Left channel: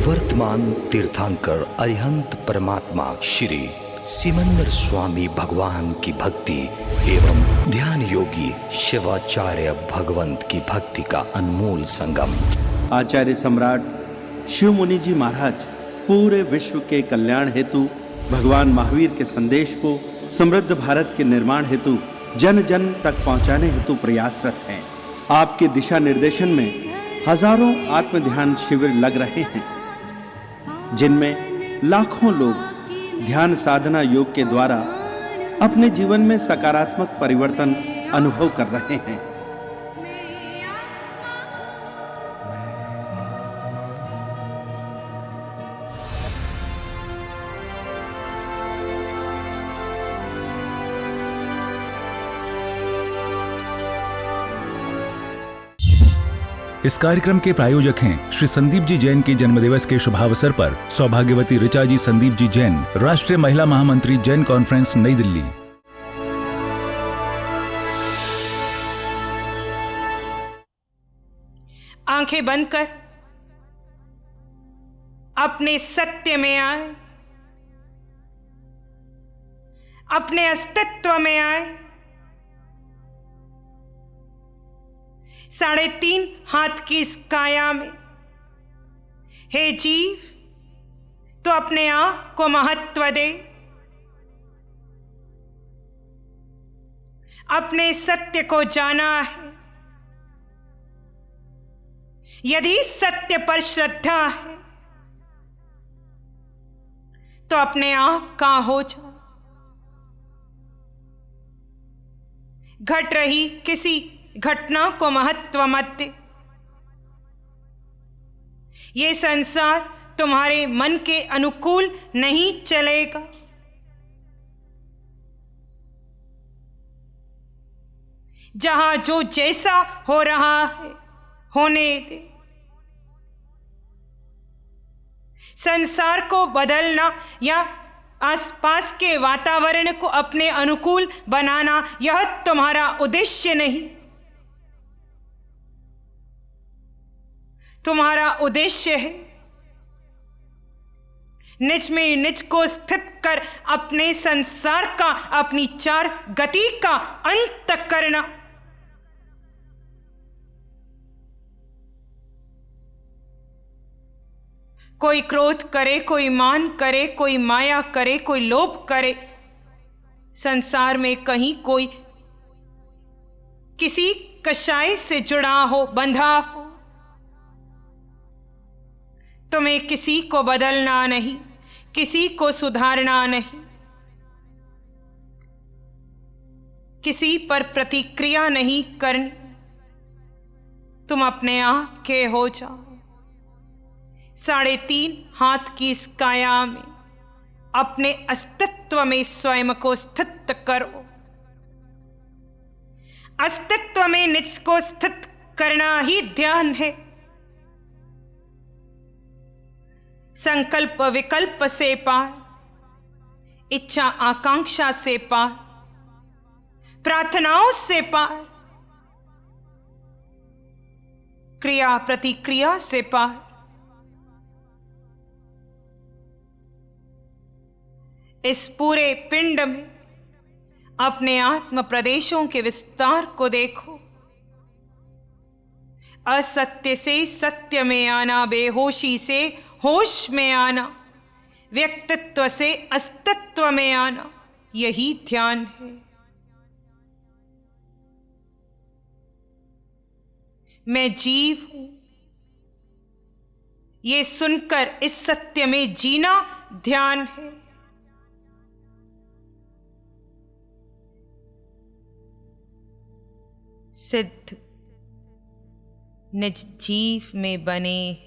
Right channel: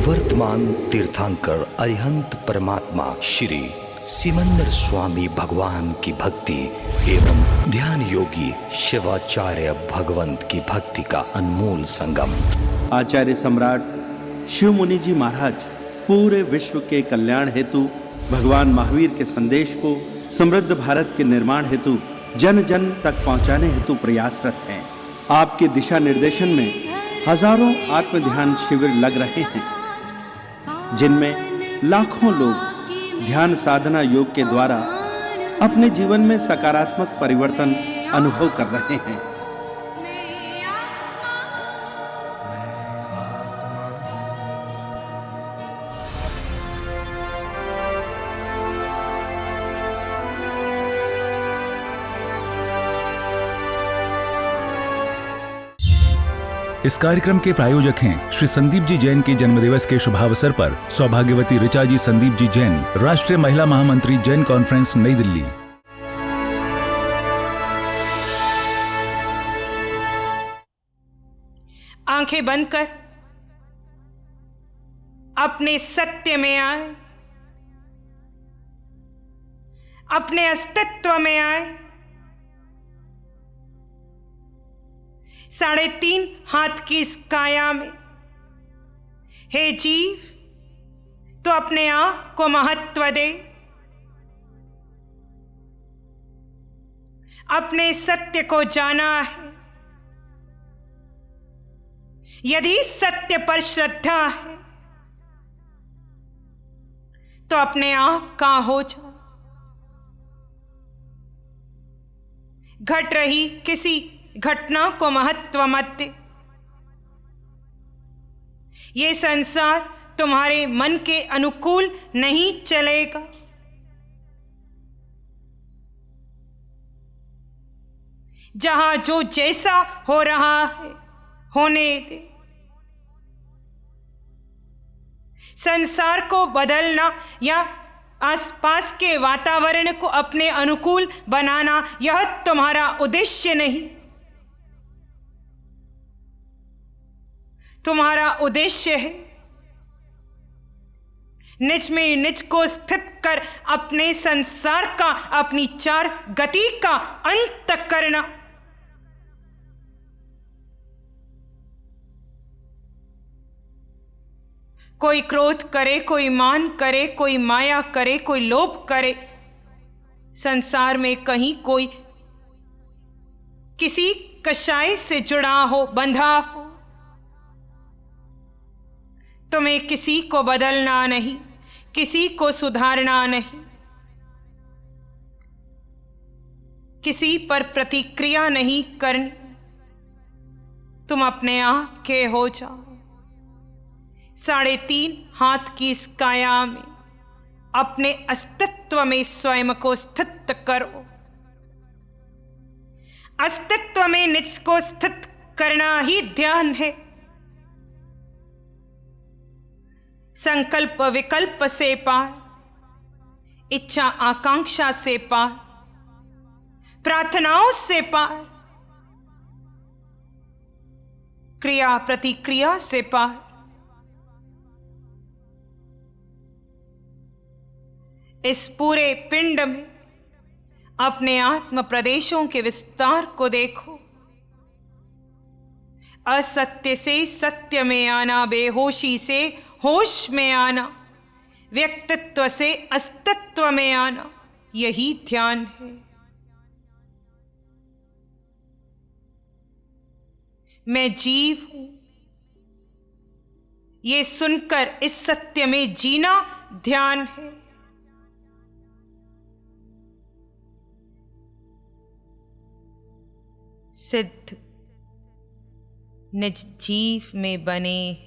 वर्तमान तीर्थंकर अरिहंत परमात्मा श्री सिमंदर स्वामी भगवान की भक्ति एवं ध्यान योगी शिवाचार्य भगवंत की भक्ति का अनमोल संगम। आचार्य सम्राट शिव मुनि जी महाराज पूरे विश्व के कल्याण हेतु भगवान महावीर के संदेश को समृद्ध भारत के निर्माण हेतु जन जन तक पहुंचाने हेतु प्रयासरत हैं। आपके दिशा निर्देशन में हजारों आत्म ध्यान शिविर लग रहे हैं, जिनमें लाखों लोग ध्यान साधना योग के द्वारा अपने जीवन में सकारात्मक परिवर्तन अनुभव कर रहे हैं। इस कार्यक्रम के प्रायोजक हैं श्री संदीप जी जैन के जन्मदिवस के शुभावसर पर सौभाग्यवती ऋचा जी संदीप जी जैन, राष्ट्रीय महिला महामंत्री, जैन कॉन्फ्रेंस, नई दिल्ली। आंखें बंद कर अपने सत्य में आए, अपने अस्तित्व में आए। 3.5 हाथ की इस काया में हे जीव, तो अपने आप को महत्व दे, अपने सत्य को जाना है। यदि सत्य पर श्रद्धा है तो अपने आप का हो जा। घट रही किसी घटना को महत्व मत दे। ये संसार तुम्हारे मन के अनुकूल नहीं चलेगा। जहां जो जैसा हो रहा है होने दे। संसार को बदलना या आसपास के वातावरण को अपने अनुकूल बनाना, यह तुम्हारा उद्देश्य नहीं। तुम्हारा उद्देश्य है निज में निज को स्थित कर अपने संसार का, अपनी चार गति का अंत करना। कोई क्रोध करे, कोई मान करे, कोई माया करे, कोई लोभ करे। संसार में कहीं कोई किसी कषाय से जुड़ा हो, बंधा हो। तुम्हें किसी को बदलना नहीं, किसी को सुधारना नहीं, किसी पर प्रतिक्रिया नहीं करनी। तुम अपने आप के हो जाओ। 3.5 हाथ की इस काया में अपने अस्तित्व में स्वयं को स्थित करो। अस्तित्व में निज को स्थित करना ही ध्यान है। संकल्प विकल्प से पार, इच्छा आकांक्षा से पार, प्रार्थनाओं से पार, क्रिया प्रतिक्रिया से पार। इस पूरे पिंड में अपने आत्म प्रदेशों के विस्तार को देखो। असत्य से सत्य में आना, बेहोशी से होश में आना, व्यक्तित्व से अस्तित्व में आना, यही ध्यान है। मैं जीव हूं, ये सुनकर इस सत्य में जीना ध्यान है। सिद्ध निज जीव में बने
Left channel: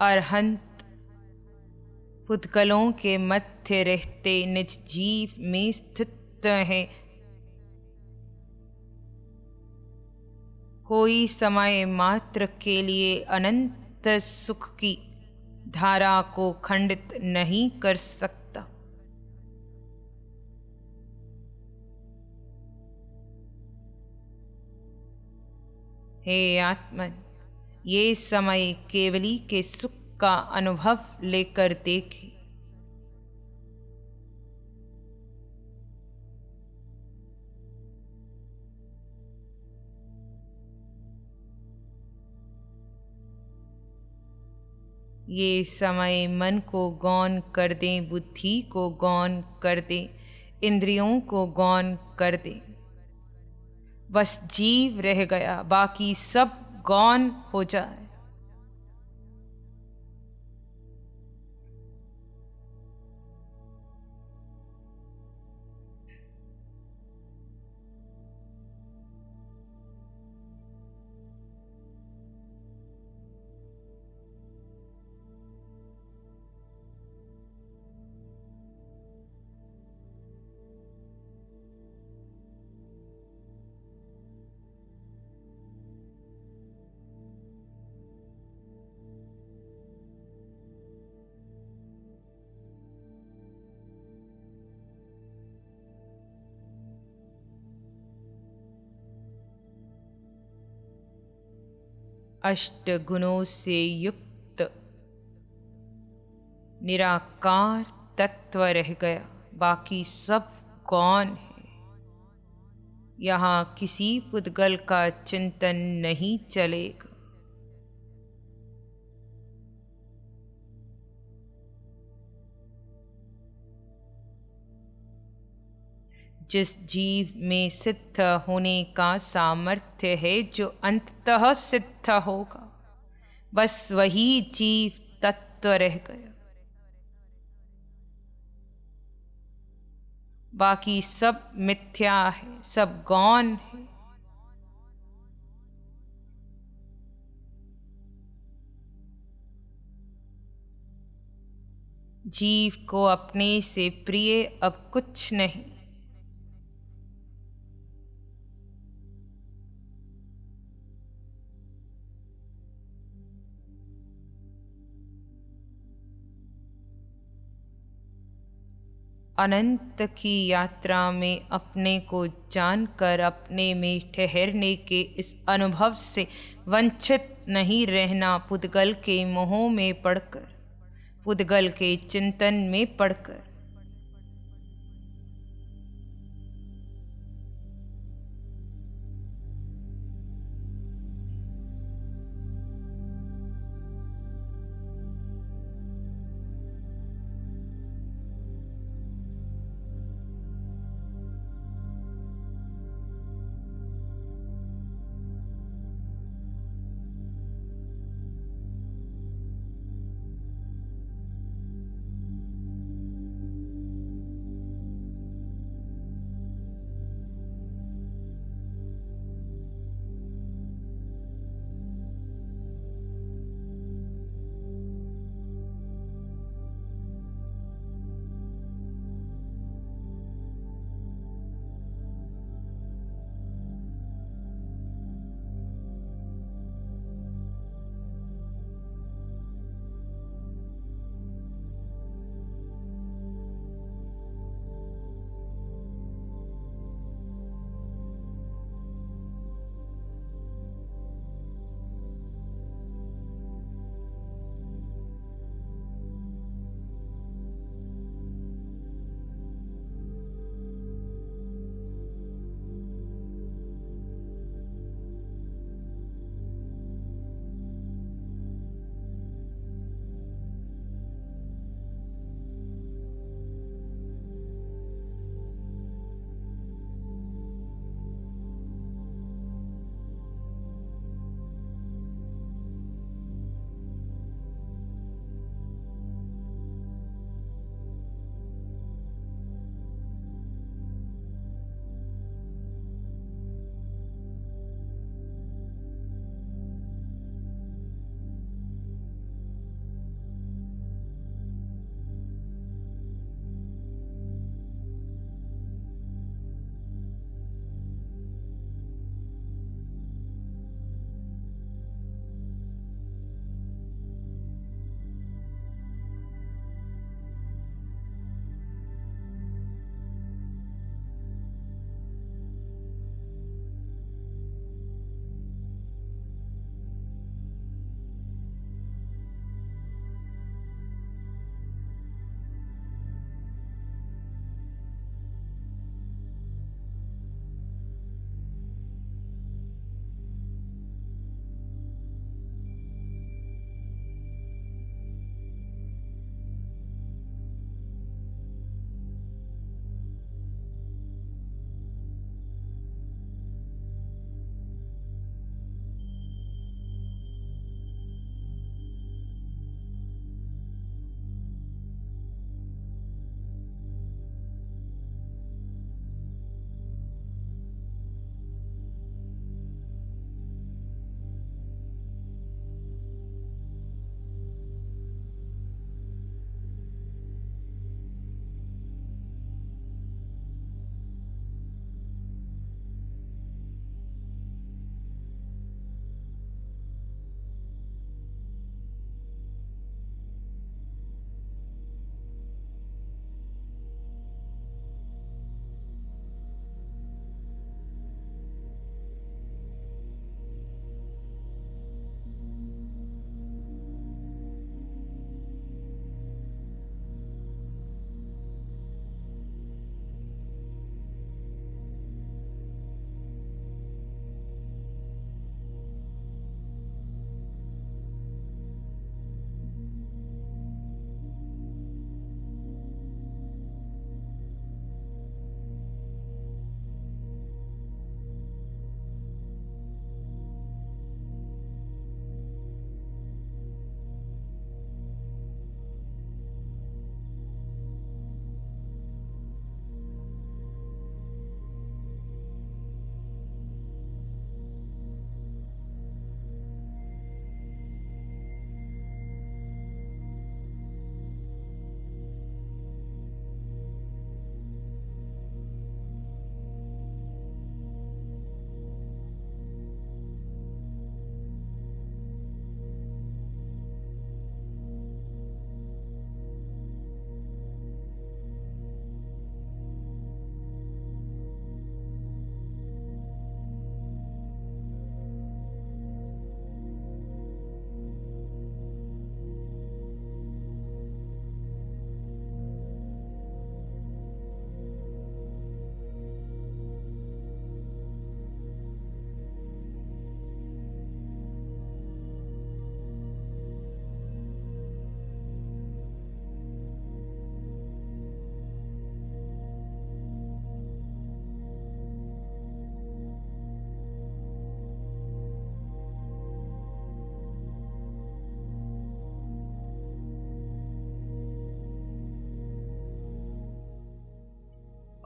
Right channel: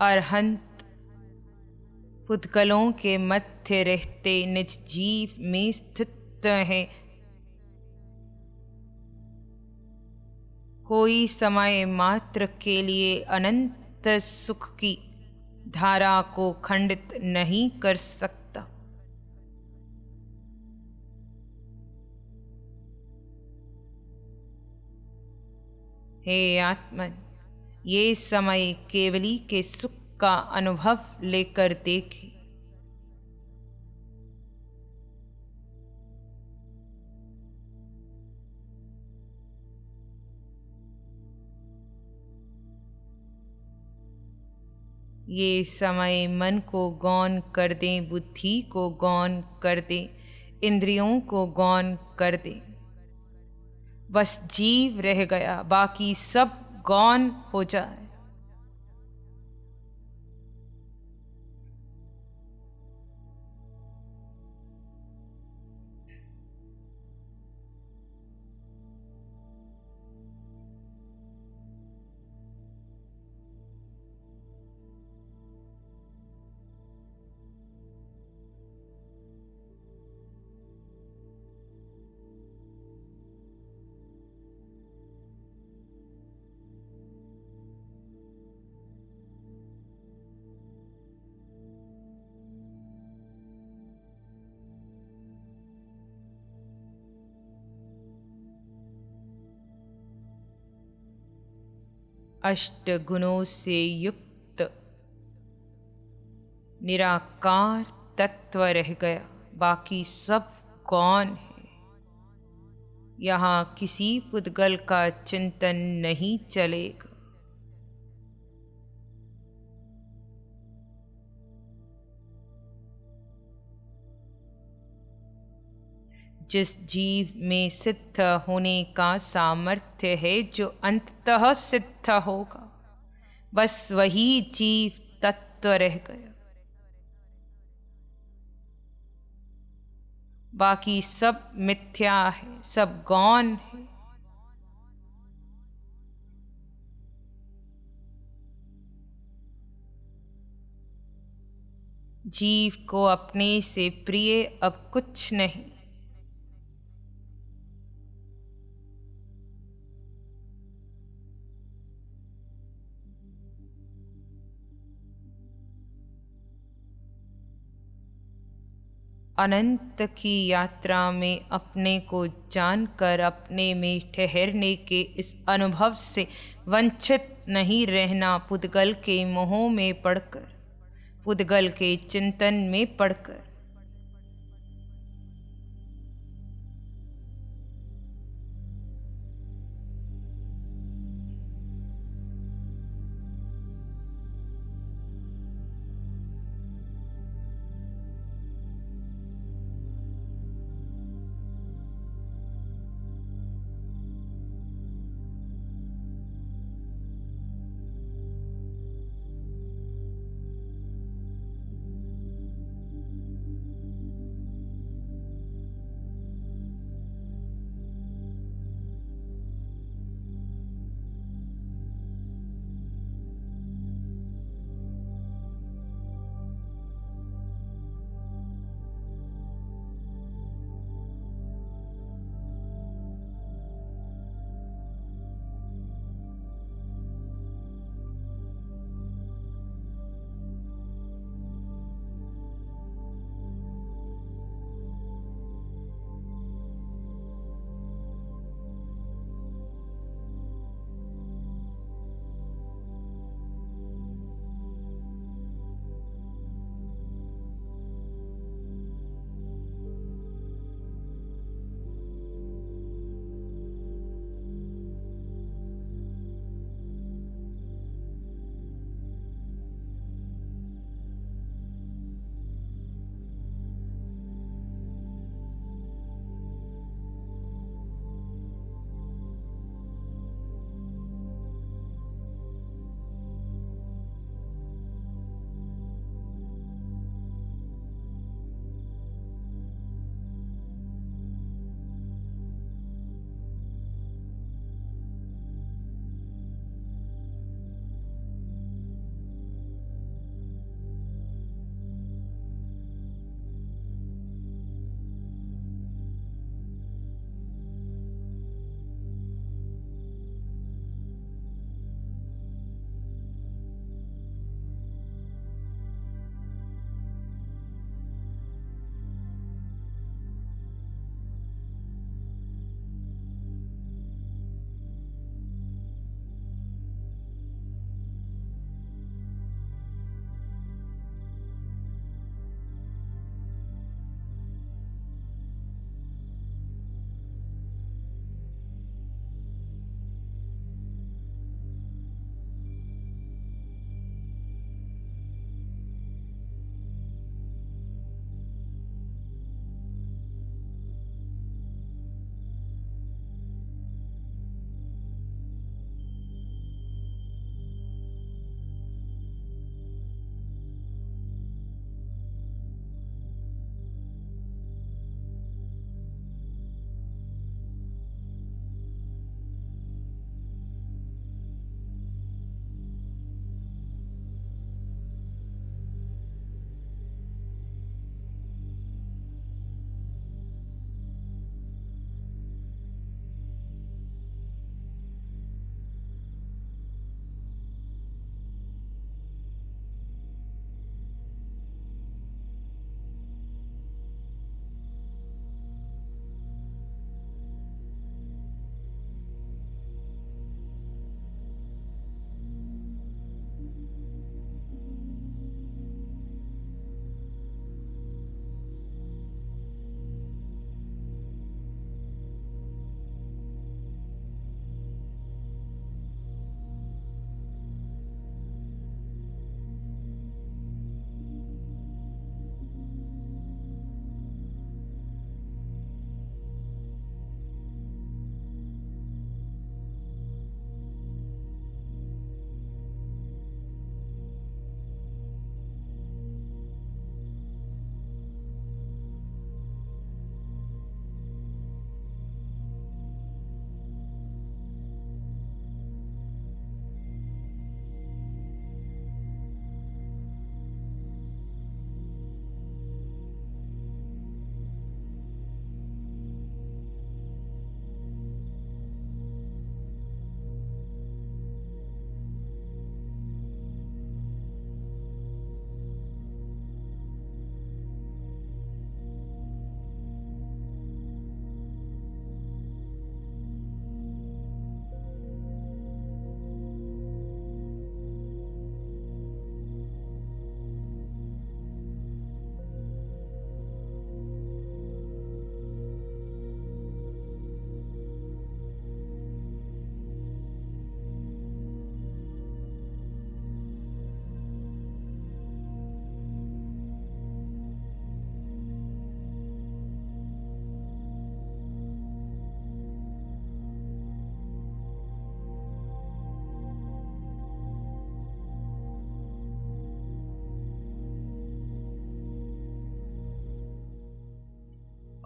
अरहंत, पुद्गलों के मध्य रहते निज जीव में स्थित है। कोई समय मात्र के लिए अनंत सुख की धारा को खंडित नहीं कर सकता। हे आत्मन, ये समय केवली के सुख का अनुभव लेकर देखे। ये समय मन को गौण कर दें, बुद्धि को गौण कर दें, इंद्रियों को गौण कर दें। बस जीव रह गया, बाकी सब गौण हो जाए। अष्ट गुणों से युक्त निराकार तत्व रह गया, बाकी सब गौण है। यहाँ किसी पुद्गल का चिंतन नहीं चलेगा। जिस जीव में सिद्ध होने का सामर्थ्य है, जो अंततः सिद्ध होगा, बस वही जीव तत्व रह गया। बाकी सब मिथ्या है, सब गौण है। जीव को अपने से प्रिय अब कुछ नहीं। अनंत की यात्रा में अपने को जानकर अपने में ठहरने के इस अनुभव से वंचित नहीं रहना, पुद्गल के मोह में पड़कर, पुद्गल के चिंतन में पड़कर।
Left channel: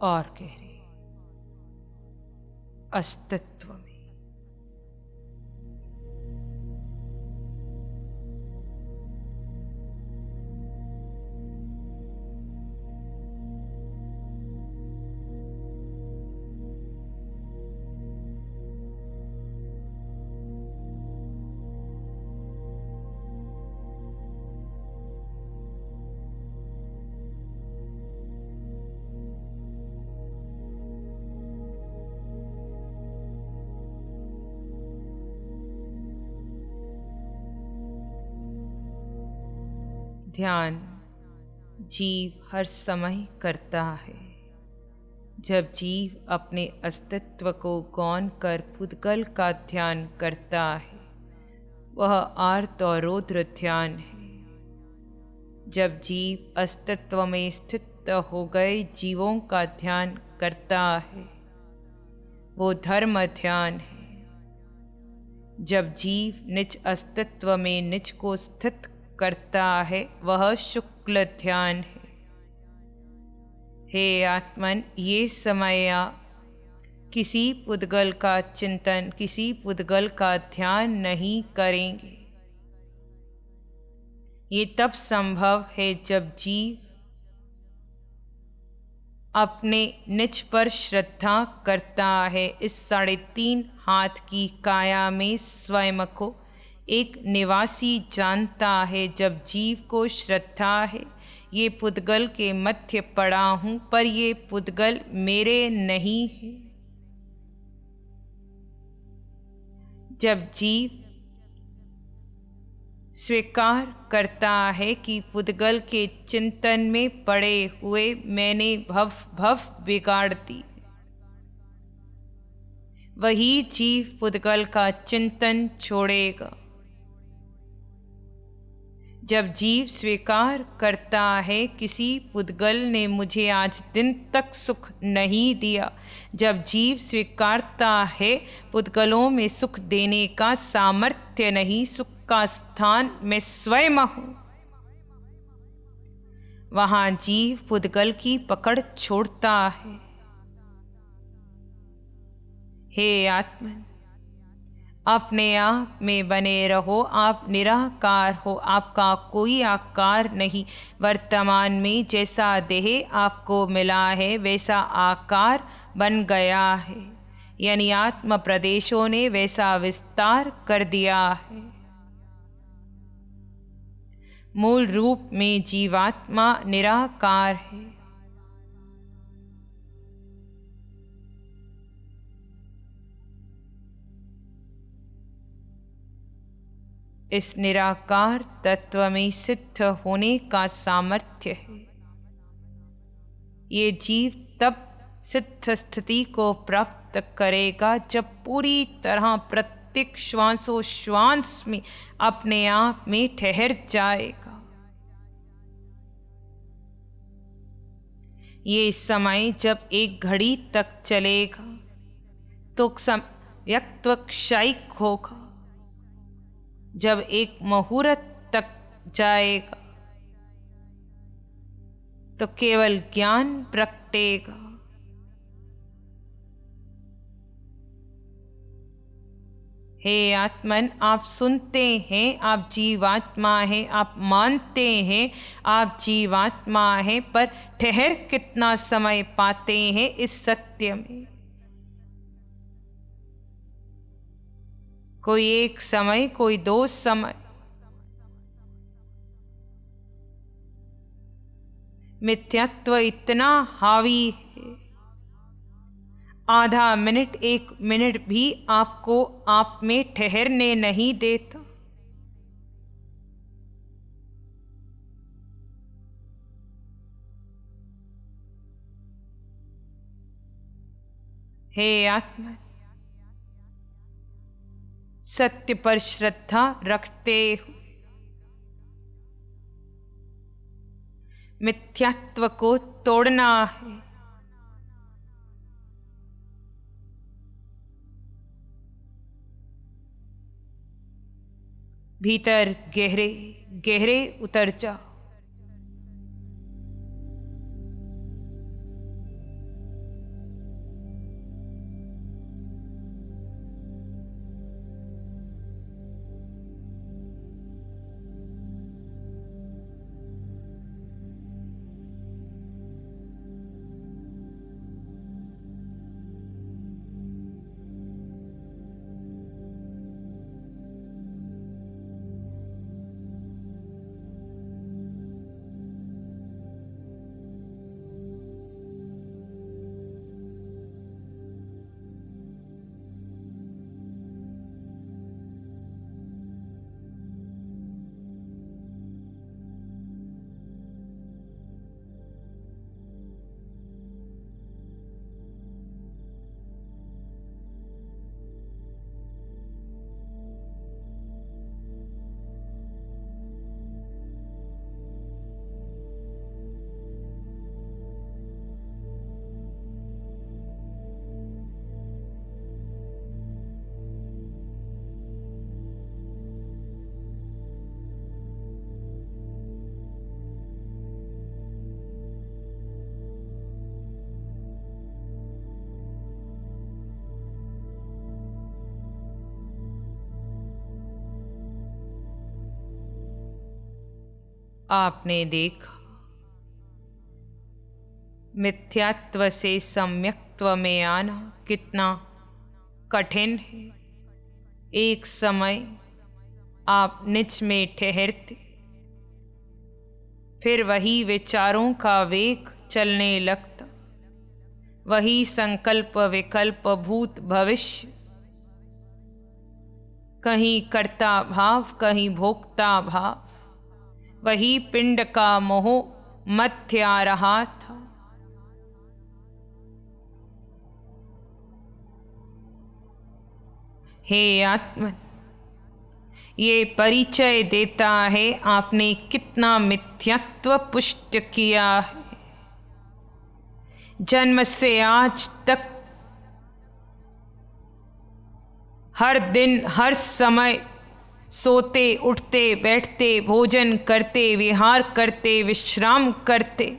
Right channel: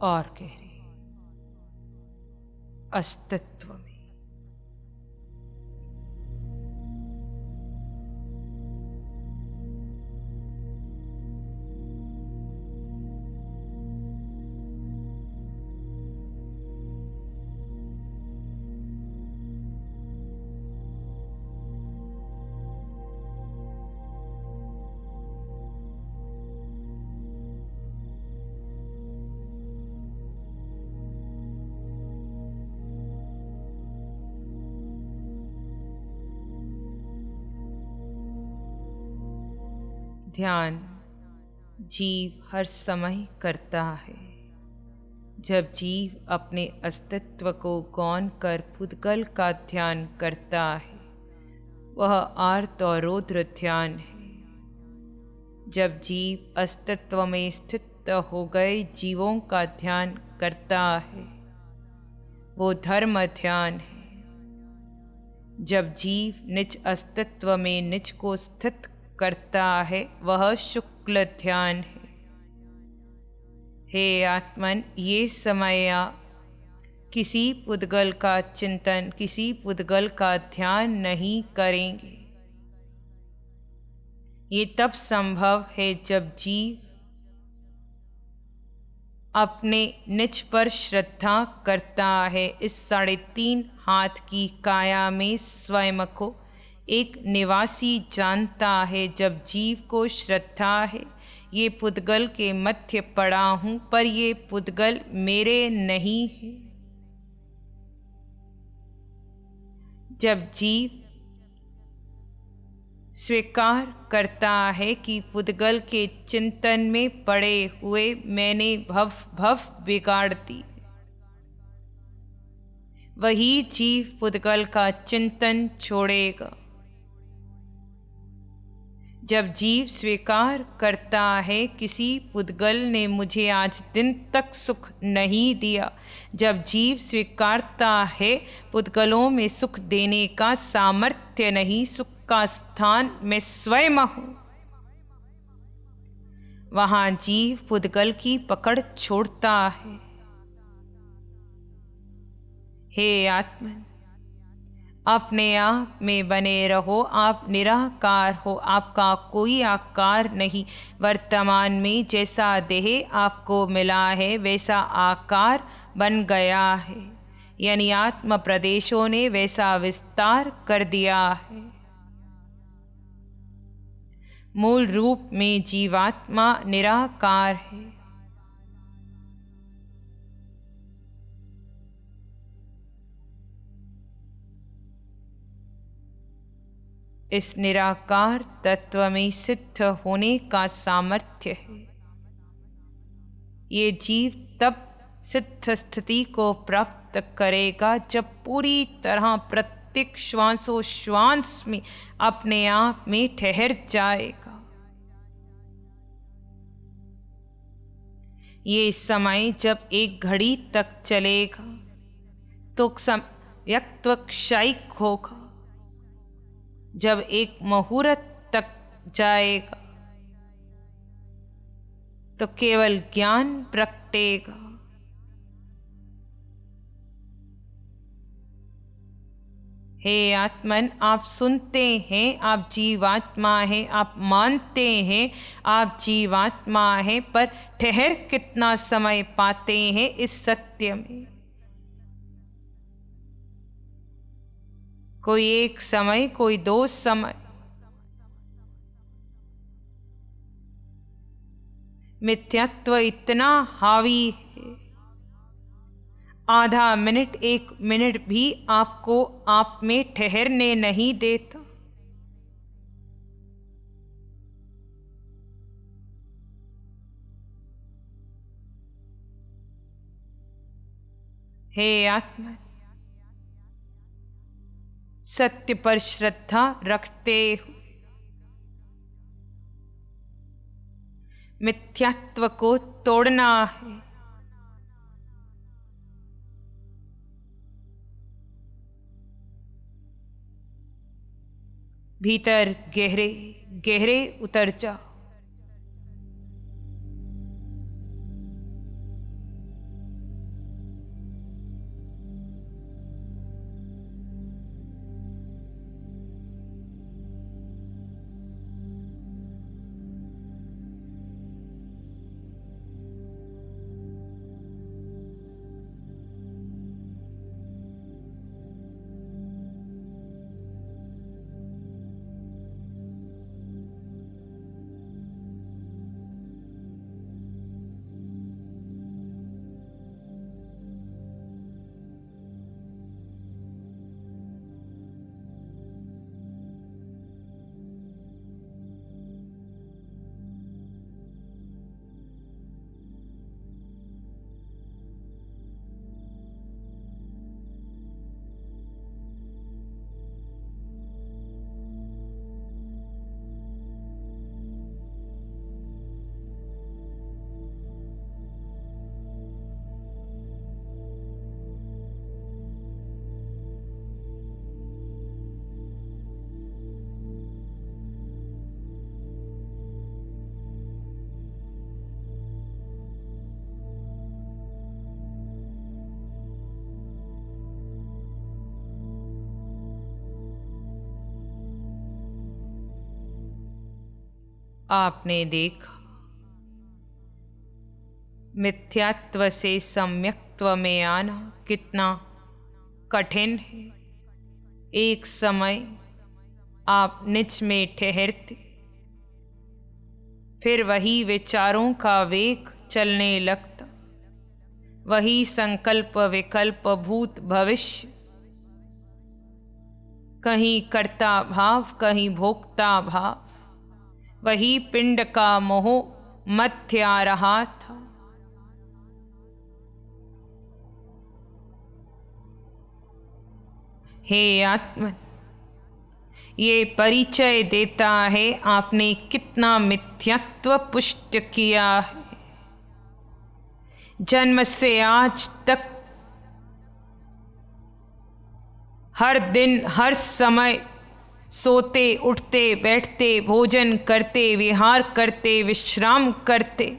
और गहरे अस्तित्व में। ध्यान जीव हर समय करता है। जब जीव अपने अस्तित्व को गौण कर पुद्गल का ध्यान करता है, वह आर्त और रौद्र ध्यान है। जब जीव अस्तित्व में स्थित हो गए जीवों का ध्यान करता है, वो धर्म ध्यान है। जब जीव निज अस्तित्व में निज को स्थित करता है, वह शुक्ल ध्यान है। हे आत्मन, ये समय किसी पुद्गल का चिंतन, किसी पुद्गल का ध्यान नहीं करेंगे। ये तब संभव है जब जीव अपने निज पर श्रद्धा करता है। इस 3.5 हाथ की काया में स्वयं को एक निवासी जानता है। जब जीव को श्रद्धा है, ये पुद्गल के मध्य पड़ा हूँ, पर ये पुद्गल मेरे नहीं है। जब जीव स्वीकार करता है कि पुद्गल के चिंतन में पड़े हुए मैंने भव बिगाड़ दी, वही जीव पुद्गल का चिंतन छोड़ेगा। जब जीव स्वीकार करता है किसी पुद्गल ने मुझे आज दिन तक सुख नहीं दिया, जब जीव स्वीकारता है पुद्गलों में सुख देने का सामर्थ्य नहीं, सुख का स्थान मैं स्वयं हूँ, वहाँ जीव पुद्गल की पकड़ छोड़ता है। हे आत्मन, अपने आप में बने रहो। आप निराकार हो, आपका कोई आकार नहीं। वर्तमान में जैसा देह आपको मिला है, वैसा आकार बन गया है, यानी आत्म प्रदेशों ने वैसा विस्तार कर दिया है। मूल रूप में जीवात्मा निराकार है। इस निराकार तत्व में सिद्ध होने का सामर्थ्य है। ये जीव तब सिद्ध स्थिति को प्राप्त करेगा जब पूरी तरह प्रत्येक श्वासोश्वास में अपने आप में ठहर जाएगा। ये समय जब एक घड़ी तक चलेगा तो व्यक्त्व क्षयिक होगा। जब एक मुहूर्त तक जाएगा तो केवल ज्ञान प्रगटेगा। हे आत्मन, आप सुनते हैं, आप जीवात्मा हैं, आप मानते हैं आप जीवात्मा हैं, पर ठहर कितना समय पाते हैं इस सत्य में? कोई एक समय, कोई 2 समय। मिथ्यात्व इतना हावी है, आधा मिनट 1 मिनट भी आपको आप में ठहरने नहीं देता। हे आत्मा, सत्य पर श्रद्धा रखते हुए मिथ्यात्व को तोड़ना है। भीतर गहरे गहरे उतर जाओ। आपने देखा मिथ्यात्व से सम्यक्त्व में आना कितना कठिन है। एक समय आप निज में ठहरते, फिर वही विचारों का वेग चलने लगता, वही संकल्प विकल्प भूत भविष्य, कहीं कर्ता भाव कहीं भोक्ता भाव, वही पिंड का मोह मध्य आ रहा था। हे आत्मन, ये परिचय देता है आपने कितना मिथ्यात्व पुष्ट किया है। जन्म से आज तक हर दिन हर समय सोते उठते बैठते भोजन करते विहार करते विश्राम करते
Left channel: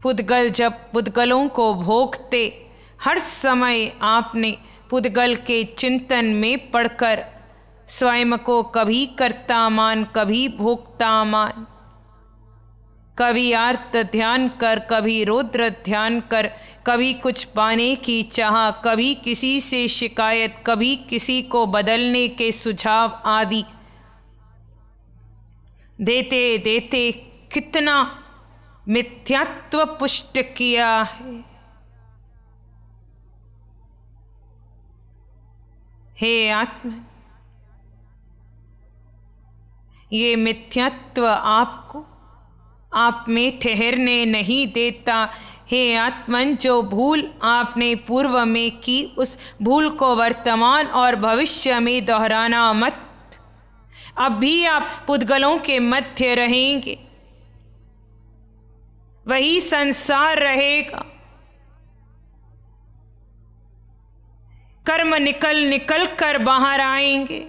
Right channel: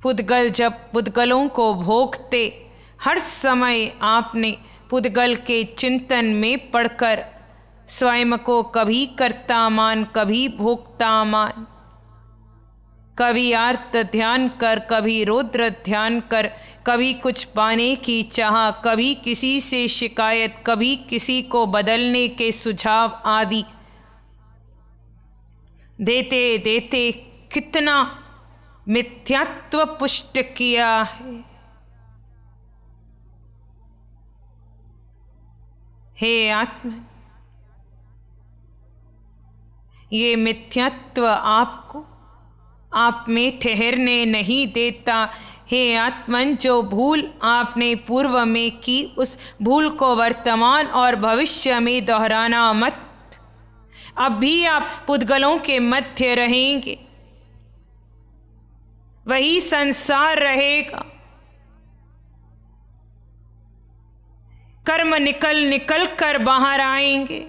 पुद्गल जब पुद्गलों को भोगते, हर समय आपने पुद्गल के चिंतन में पड़कर स्वयं को कभी कर्ता मान कभी भोक्ता मान, कभी आर्त ध्यान कर कभी रौद्र ध्यान कर, कभी कुछ पाने की चाह, कभी किसी से शिकायत, कभी किसी को बदलने के सुझाव आदि देते देते कितना मिथ्यात्व पुष्ट किया है। हे आत्मा, ये मिथ्यात्व आपको आप में ठहरने नहीं देता। हे आत्मन, जो भूल आपने पूर्व में की उस भूल को वर्तमान और भविष्य में दोहराना मत। अब भी आप पुद्गलों के मध्य रहेंगे, वही संसार रहेगा। कर्म निकल निकल कर बाहर आएंगे।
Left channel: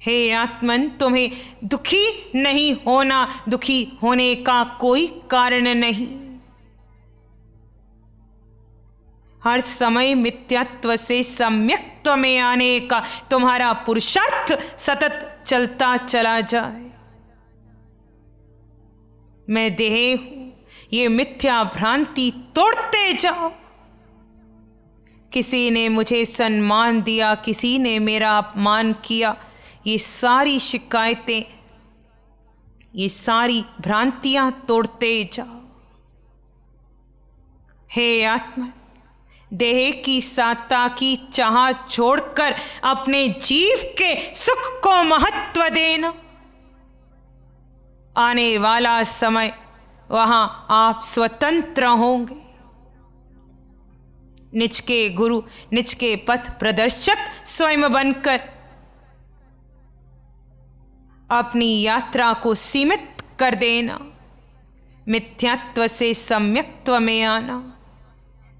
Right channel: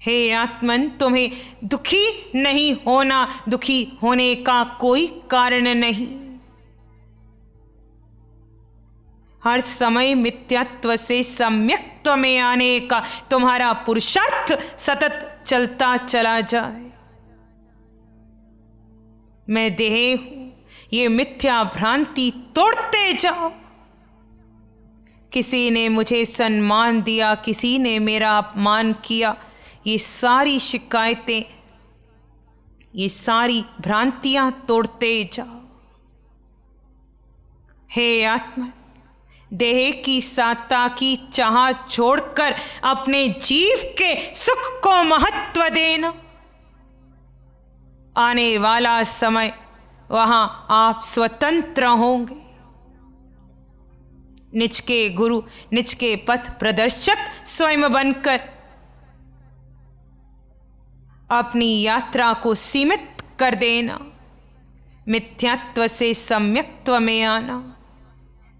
हे आत्मन, तुम्हें दुखी नहीं होना, दुखी होने का कोई कारण नहीं। हर समय मिथ्यात्व से सम्यक्त्व में आने का तुम्हारा पुरुषार्थ सतत चलता चला जाए। मैं देह हूं, ये मिथ्या भ्रांति तोड़ते जाओ। किसी ने मुझे सम्मान दिया, किसी ने मेरा अपमान किया, ये सारी शिकायतें, ये सारी भ्रांतियां तोड़ते जाओ। हे आत्मा, देह की सत्ता की चाह छोड़कर अपने जीव के सुख को महत्व देना। आने वाला समय वहां आप स्वतंत्र होंगे। निज के गुरु, निज के पथ प्रदर्शक स्वयं बनकर अपनी यात्रा को सीमित कर देना। मिथ्यात्व से सम्यक्त्व में आना।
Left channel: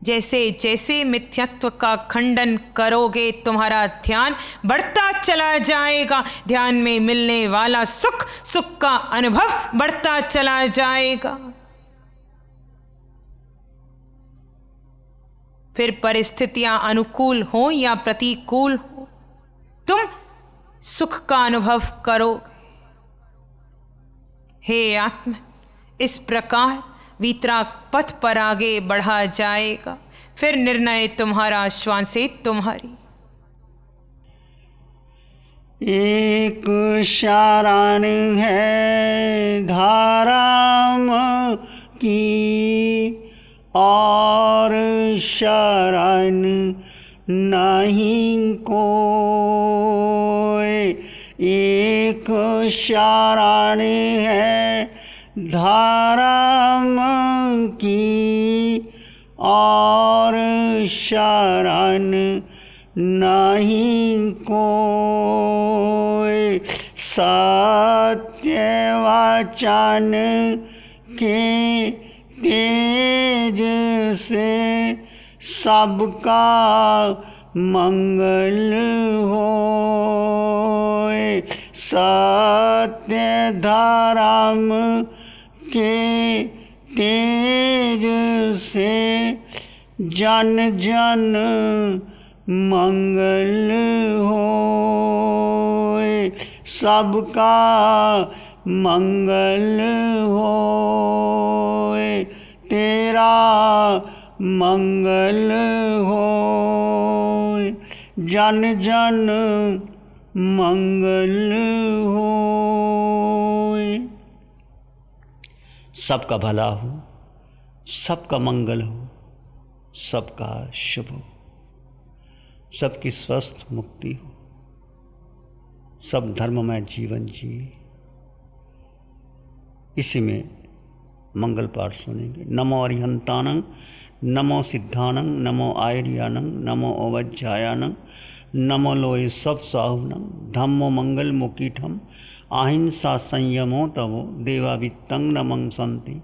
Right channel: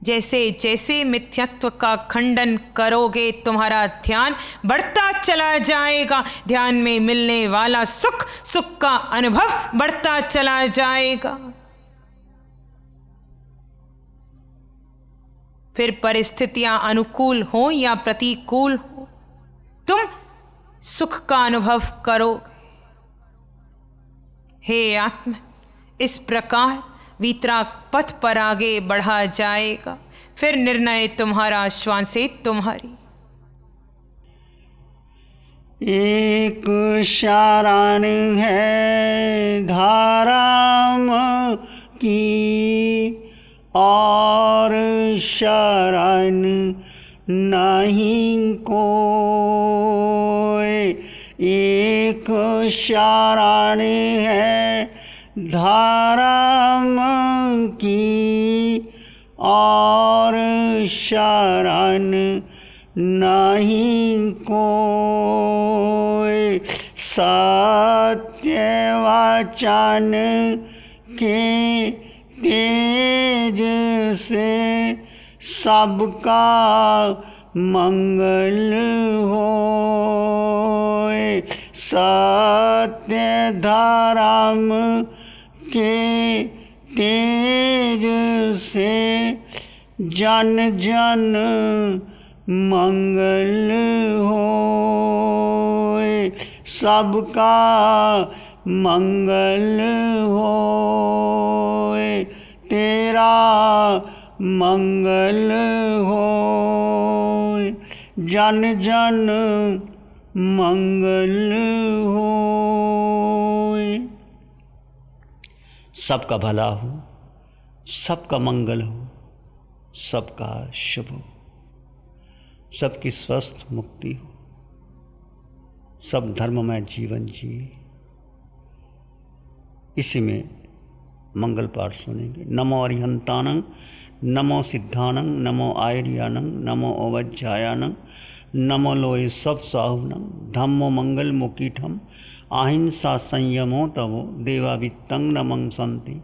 जैसे जैसे मिथ्यात्व का खंडन करोगे, तुम्हारा ध्यान बढ़ता चला जाएगा। ध्यान में मिलने वाला सुख, सुख का अनुभव बढ़ता चला जाएगा। फिर परिस्थितियां अनुकूल हो या प्रतिकूल हो, तुम सुख का अनुभव करोगे। हे आत्मा, इस प्रकार वीतराग पथ पर आगे बढ़ा जाएगा। फिर निर्णय तुम्हारा, श्वासें तुम्हारी। एक शरण है धाराम की, और शरण नहीं कोई। एक शरण है धाराम की, और शरण नहीं कोई। सत्य वचन के तेज से सबका मंगल होए। सत्य धर्म के तेज से जन जन मंगल होए, सबका मंगल होए, तेरा मंगल होए, जन जन मंगल होए। सबका भला हो, सबका मंगल हो, सबका शुभ हो, सबकी स्वस्थ मुक्ति हो, सब धर्ममय जीवन जिए। इसी में मंगल पाठ सुनेंगे। नमो अरिहंतानं, नमो सिद्धानं, नमो आयर्यानं, नमो ओवज्जायानं, नमो लोये सब साहुनं, धम्मो मंगल मुकीठम, अहिंसा संयमो तवो, देवावित्तं नमं संति,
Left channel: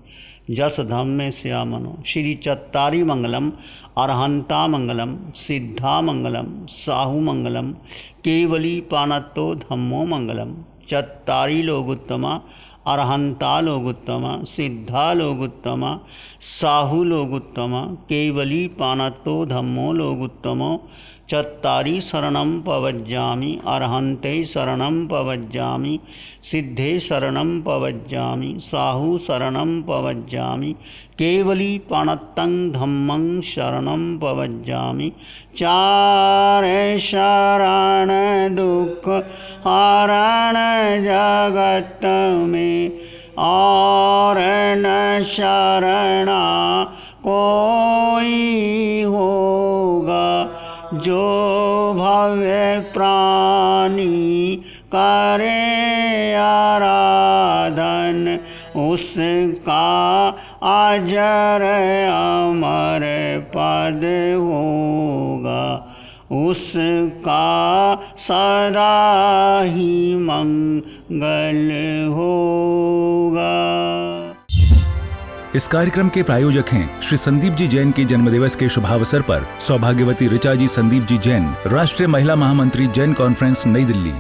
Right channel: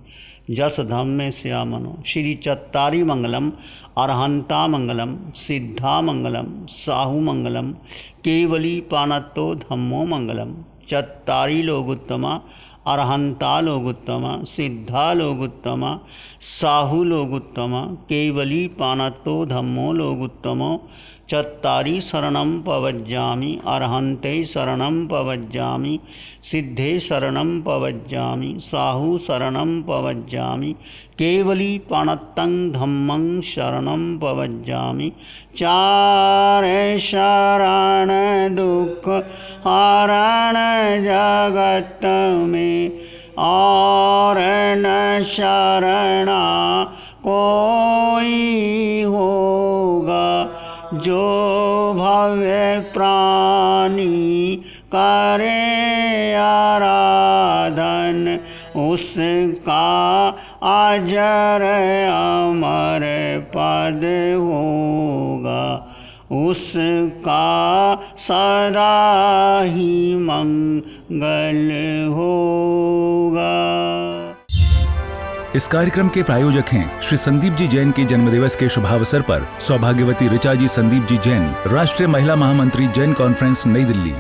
जस धम्मे श्यामनो। श्री चत्तारी मंगलम, अरहंता मंगलम, सिद्धा मंगलम, साहु मंगलम, केवली पानत्तो धम्मो मंगलम। चत्तारी लोगुत्तमा, अरहंता लोगुत्तमा, सिद्धा लोगुत्तमा, साहु लोगुत्तमा, केवली पानत्तो धम्मो लोगुत्तमो। चत्तारी शरणं पवज्जामि, अरहन्ते शरणं पवज्जामि, सिद्धे शरणं पवज्जामि, साहु शरणं पवज्जामि, केवली पाणत्तं धम्मं शरणं पवज्जामि। चारे शरण दुख हरण जगत में, और न शरणा कोई होगा, जो भव्य प्राणी करे आराधन, उसका अजर अमर पद होगा, उसका सदा ही मंगल होगा। इस कार्यक्रम के प्रायोजक हैं श्री संदीप जी जैन के जन्मदिवस के शुभावसर पर सौभाग्यवती ऋचा जी संदीप जी जैन, राष्ट्रीय महिला महामंत्री जैन कॉन्फ्रेंस, नई दिल्ली।